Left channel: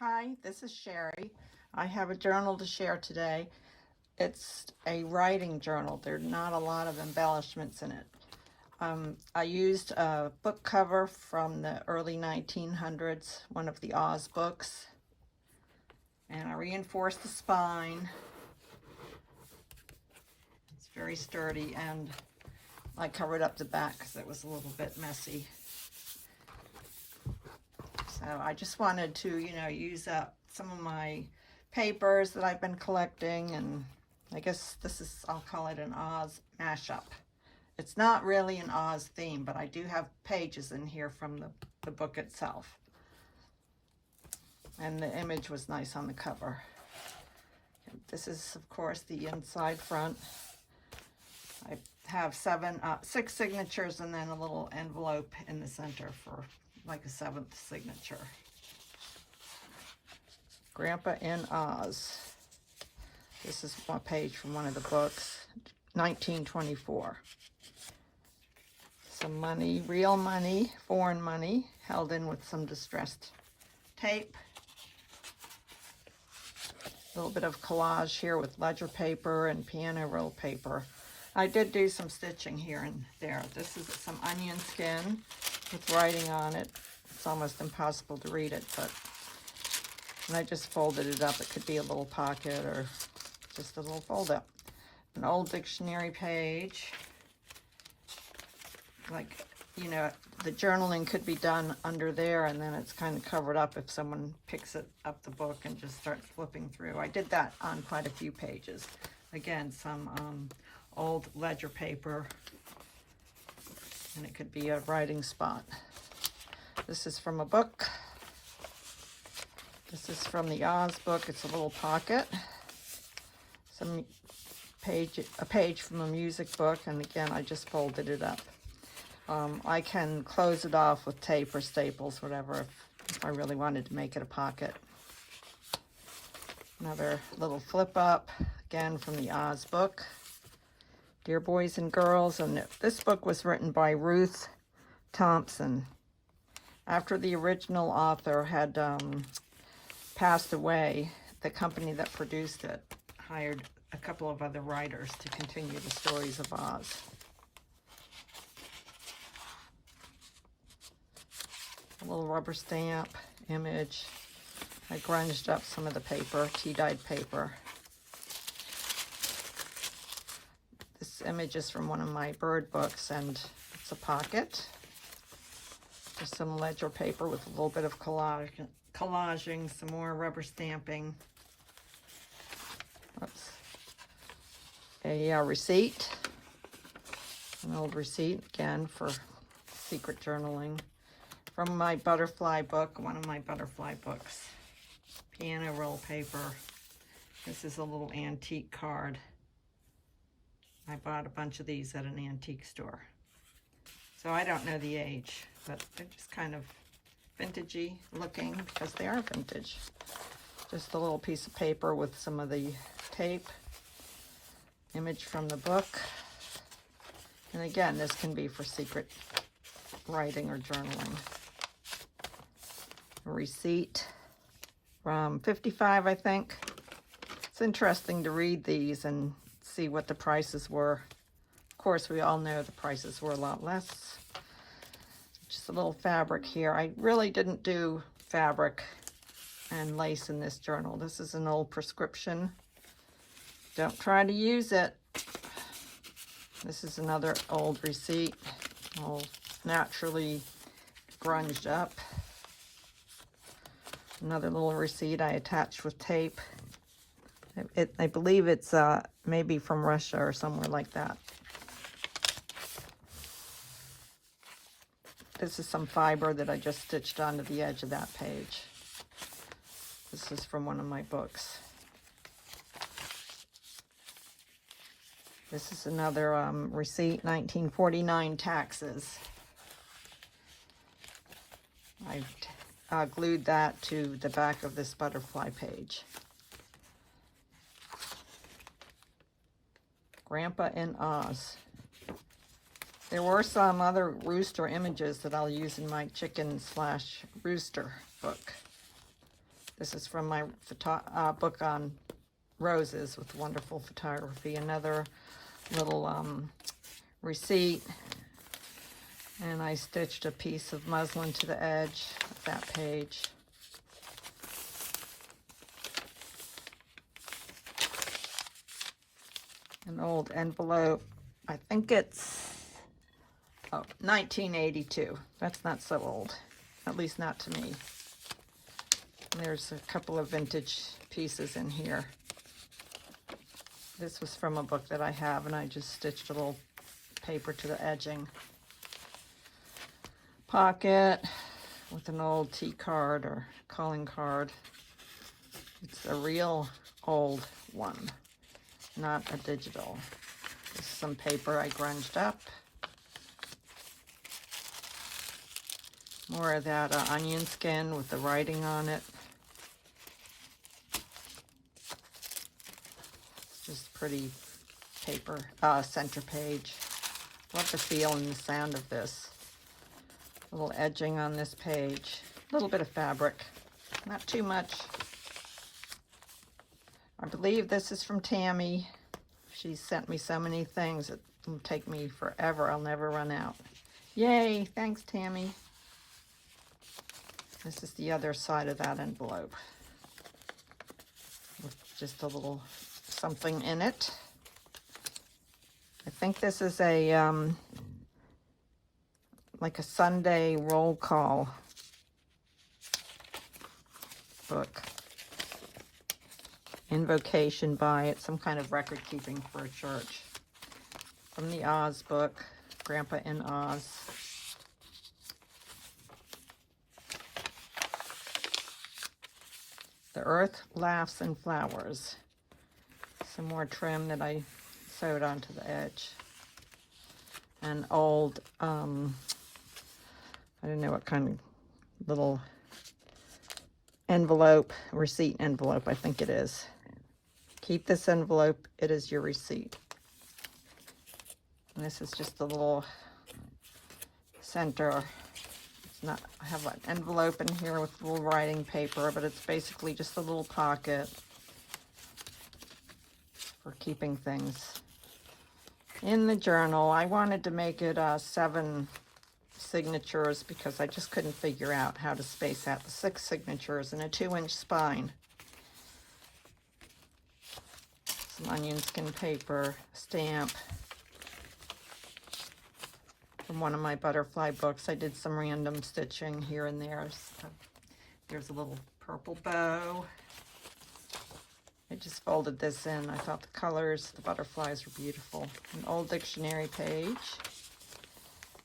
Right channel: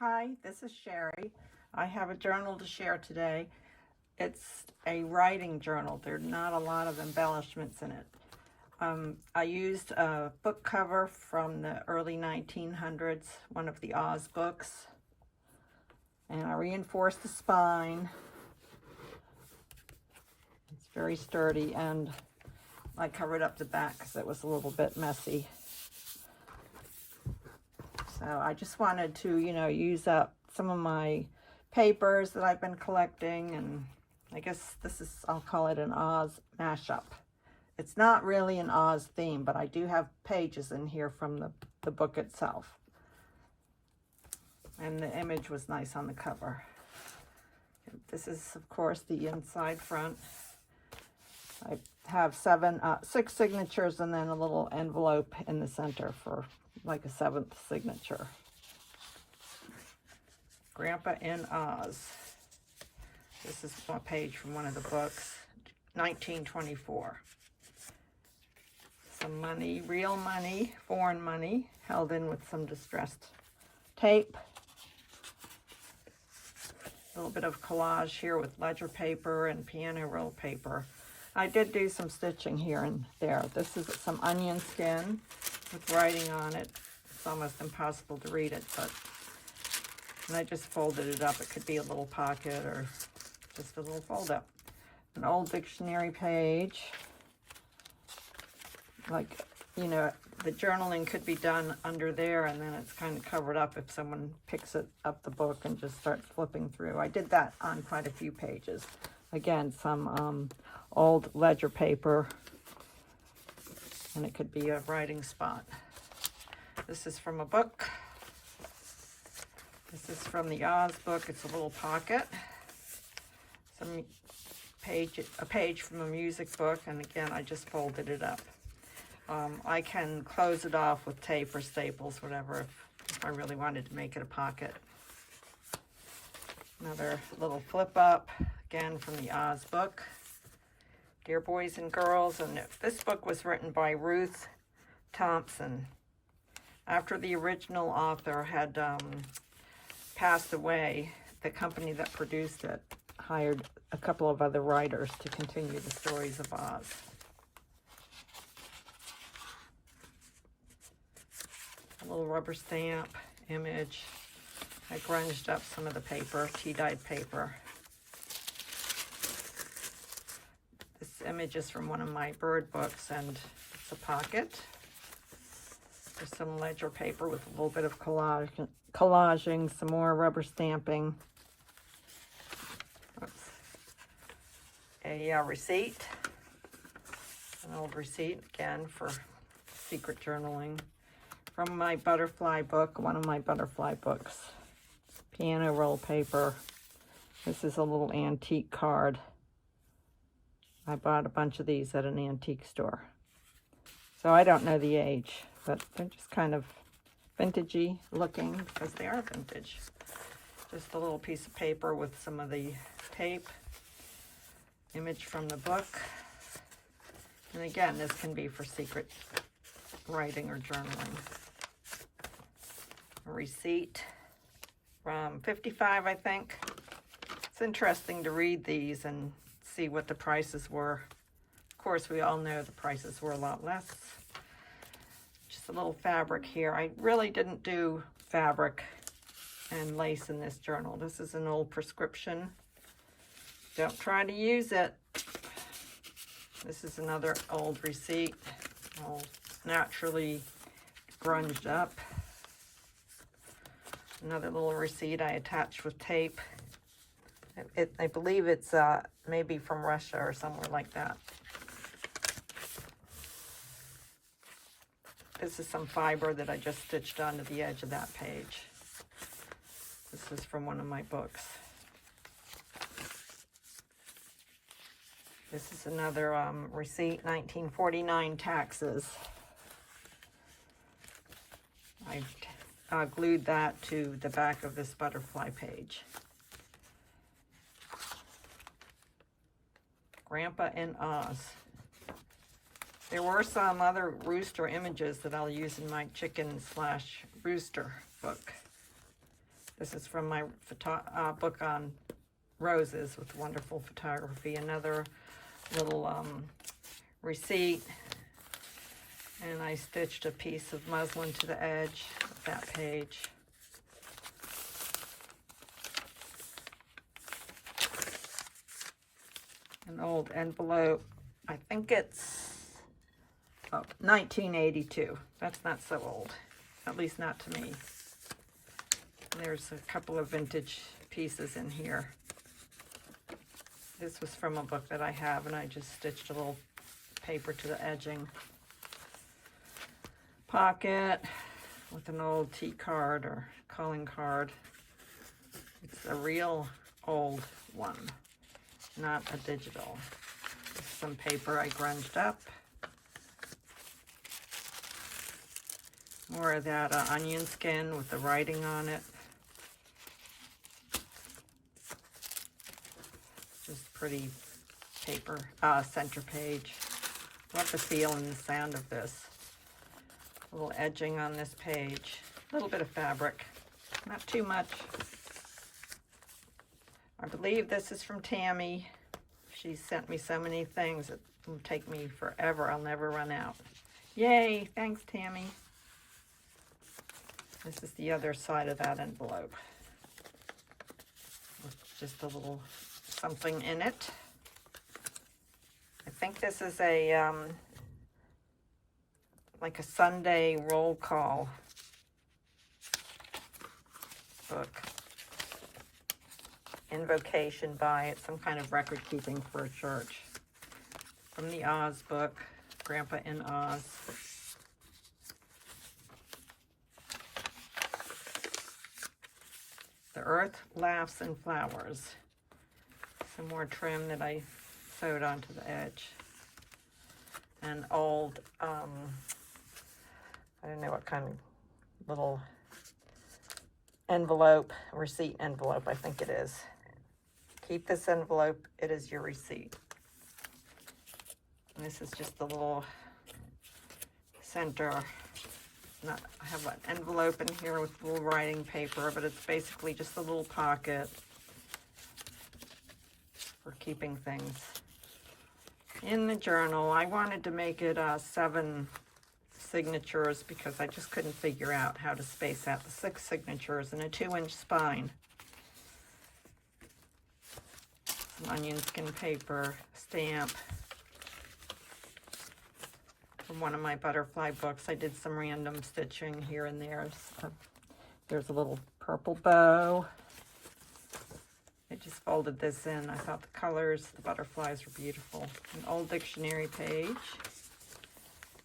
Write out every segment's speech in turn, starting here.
Hi, this is Sherry. I have a journal to share today. It's a writing journal. There are not a lot of embellishments in it. I used a book cover from the early 1900s, one of the Oz books, and I reinforced the spine. It's very sturdy, and I covered up the back because it was a little bit messy. So I just wanted to, use up some of my papers that I've been collecting, and I guess I'll call it an Oz mashup. It's not really an Oz theme, but I do have pages in here from the book itself. And the image was nice on the cover. This is, of course, the inside front. I have 6 signatures and then a little envelope in the center for like a 7th signature. Grandpa in Oz. This is a page from one of the books, 1924. Some money, real money, foreign money, held in with some distressed tape. A little bit of collage here with ledger paper and piano roll paper. I did do some stitching here and there. This is some onion skin with writing on it. It's almost impossible to read it, and I just folded it up. It could be a little pocket or just a little fold up. An old dictionary page. Like, the journaling could be done under there, and then it's kind of covered up if someone picks it up the book and just starts flipping through. I did that on quite a few pages. Again, some old ledger paper, and it could be a writing spot. This is from a book. This is from the Oz book. It's a little pocket. A page from a music book, and again, I just folded it up. I can close it off with tape or staples, whatever, if I really wanted to make it a pocket. Another little flip up, again from the Oz book. Dear Boys and Girls, and this book was written by Ruth Thompson. After the original author had passed away, the company that produced it hired a couple of other writers to continue the stories of Oz. A little rubber stamp image. I grunged up some of the paper, tea-dyed paper. This image is from one of my bird books, and it's a pocket. There's some ledger paper with a little bit of collaging, some more rubber stamping. Oops. A receipt. An old receipt, again, for secret journaling. From my butterfly book, one of my butterfly books. Piano roll paper. This is a little antique card. I bought a bunch of these at an antique store. So I don't know the age, but they're just kind of vintagey looking because they are vintage. Just a little piece of paper with some of the tape. Image from the book. And again, this can be for secret writing or journaling. A receipt from 55, I think. It's interesting to read these and see what the prices were. Of course, we all know the prices were a lot less. Just a little fabric here. I really didn't do fabric and lace in this journal. This is an old prescription. Don't try to use it. This is another old receipt, all naturally grunged up. Another little receipt I attached with tape. I believe it's maybe from Russia or somewhere like that. This is some fiber that I just stitched onto the edge of that page. This is from one of my books. This is another receipt, 1949 taxes. I glued that to the back of this butterfly page. Grandpa in Oz. There were some other rooster images that I'll use in my chicken/rooster book. This is from my book on roses with wonderful photography. Another little receipt. And I stitched a piece of muslin to the edge of that page. An old envelope. I think it's 1982. That's not so old, at least not to me. And there's a couple of vintage pieces in here. This was from a book that I have, and I just stitched a little paper to the edging. Pocket with an old tea card or calling card. It's a real old one, not a digital. This is some paper I grunged up. More of that onion skin with the writing on it. Just pretty paper, center page. Love the feel and the sound of this. A little edging on this page. A little bit of fabric, not too much. I believe this is from Tammy. She sent me so many things. It will take me forever. I'll never run out. Yay, thanks, Tammy. This is the other side of that envelope. With just a little something in it. I think this is a like a Sunday roll call book. Invocation by it, some kind of record keeping for a church. From the Oz book, Grandpa in Oz. The Earth Laughs and Flowers. Some more trim that I sewed onto the edge. An old, I don't know what kind of little envelope, receipt envelope, I think it is. Keep this envelope, it is your receipt. And this is just a little center. It's not, I have an envelope in here with little writing paper, but it's basically just a little pocket for keeping things in the journal. I wanted to make it 7 signatures because I just couldn't figure out how to space out the 6 signatures in a 2-inch spine. Some onion skin paper, stamp from one of my butterfly books. I did some random stitching here and there. So there's a little purple bow. I just folded this in. I thought the colors, the butterflies were beautiful. An old dictionary page.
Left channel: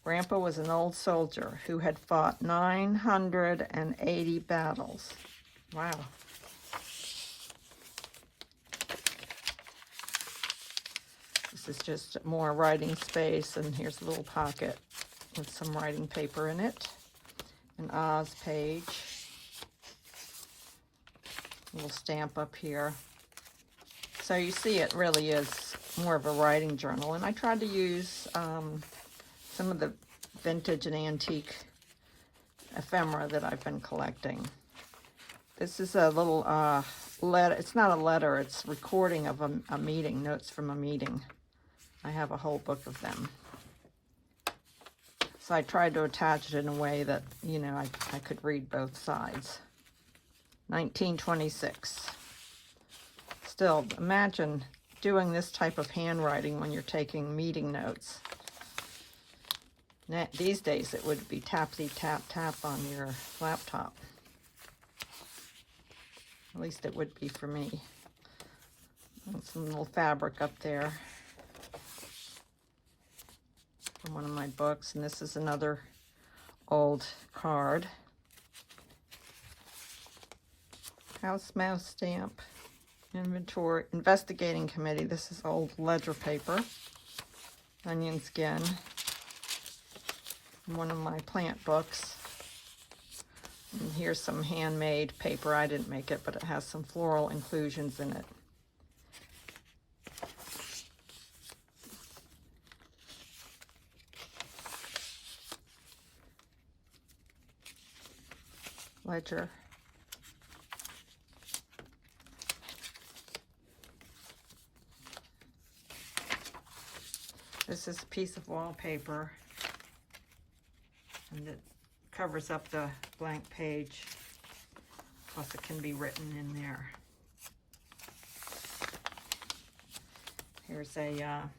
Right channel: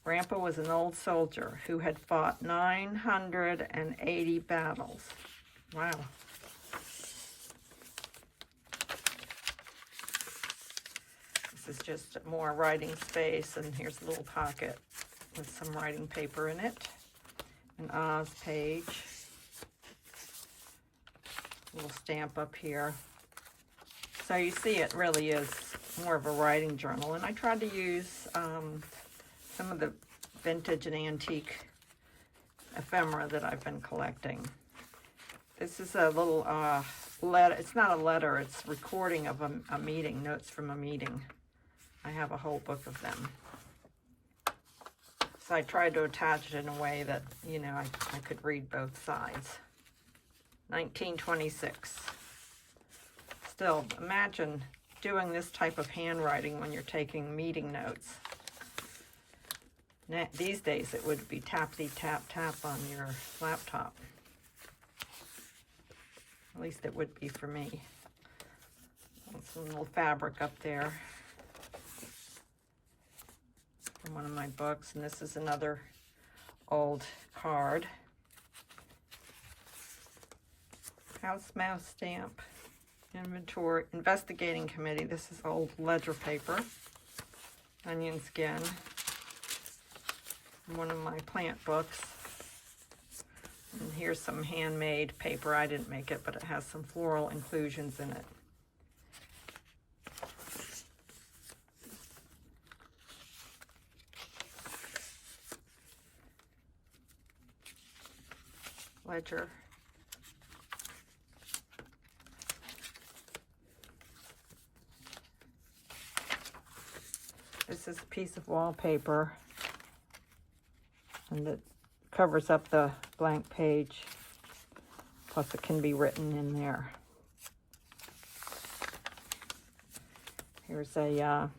Grandpa was an old soldier who had fought 980 battles. Wow. This is just more writing space, and here's a little pocket with some writing paper in it. An Oz page. A little stamp up here. So you see it really is more of a writing journal, and I tried to use some of the vintage and antique ephemera that I've been collecting. This is a little letter. It's not a letter, it's recording of a meeting, notes from a meeting. I have a whole book of them. So I tried to attach it in a way that, you know, I could read both sides. 1926. Still, imagine doing this type of handwriting when you're taking meeting notes. Now, these days it would be tapsy tap tap on your laptop. At least it would be for me. And some little fabric up there from one of my books, and this is another old card. House mouse stamp. Inventory, investigating committee. This is old ledger paper. Onion skin. One of my plant books. And here's some handmade paper. I didn't make it, but it has some floral inclusions in it. Ledger. This is a piece of wallpaper, and it covers up the blank page. Plus it can be written in there. Here's a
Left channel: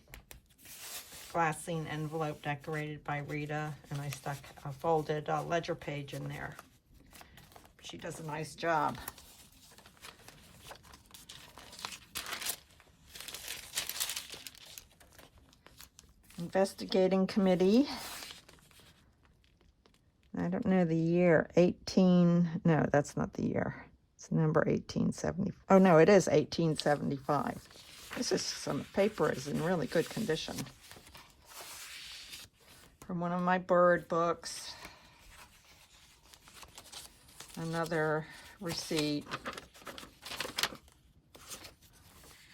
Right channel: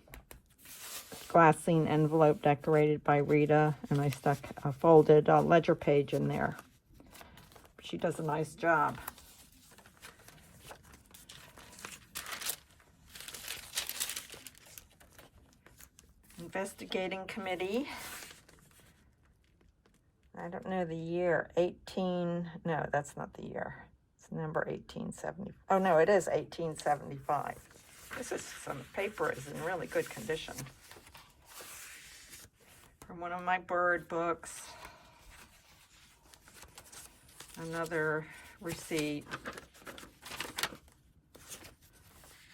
glassine envelope decorated by Rita, and I stuck a folded ledger page in there. She does a nice job. Investigating committee. I don't know the year. No, that's not the year. It's number 1870. Oh no, it is 1875. Some paper is in really good condition. From one of my bird books. Another receipt.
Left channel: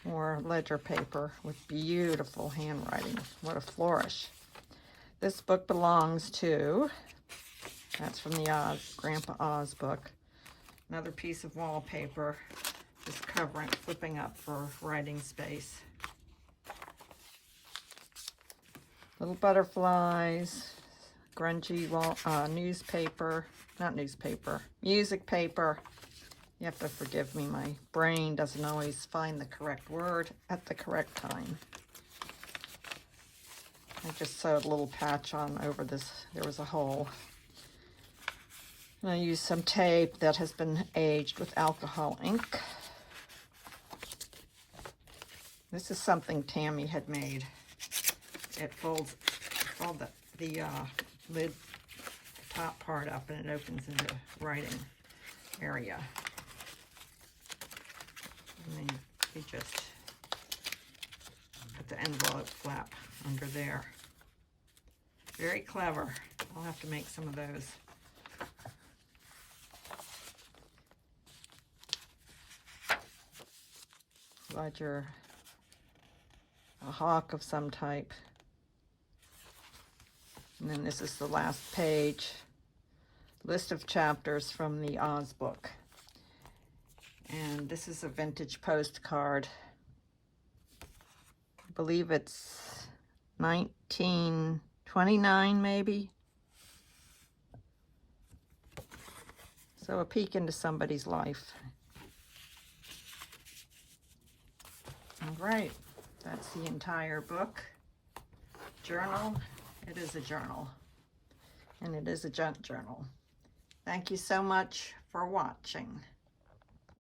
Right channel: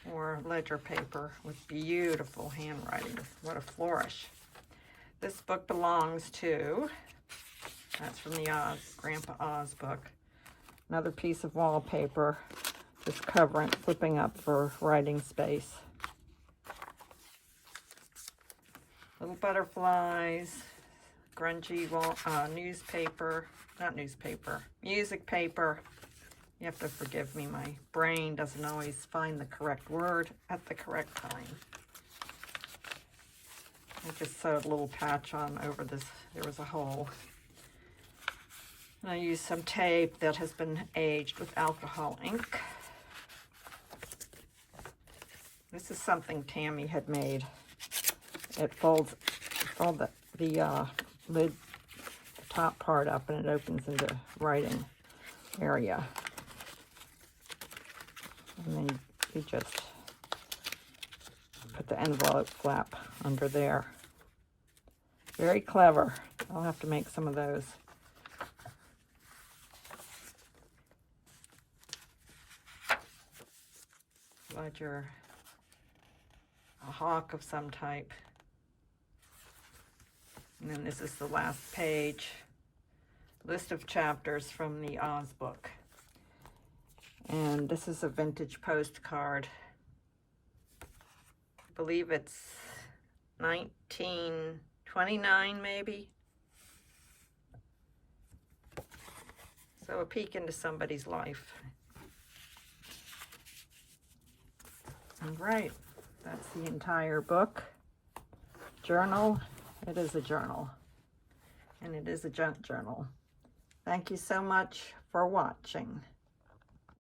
More ledger paper with beautiful handwriting. What a flourish. This book belongs to, that's from the Grandpa Oz book. Another piece of wallpaper, just covering, flipping up for writing space. Little butterflies, grungy music paper. You have to forgive me, my brain doesn't always find the correct word at the correct time. I just sewed a little patch on over this, there was a hole. And I used some tape that has been aged with alcohol ink. This is something Tammy had made. It folds all the lid, the top part up, and it opens into writing area. And then you just put the envelope flap under there. Very clever. I'll have to make some of those. Ledger, a hawk of some type. And then this is the last page. List of chapters from the Oz book. And this is a vintage postcard. I believe it's 1929 maybe. So a peek into somebody's life. All right, that's the entire book. Journal, it is a journal. And it is a junk journal. Thank you so much for watching.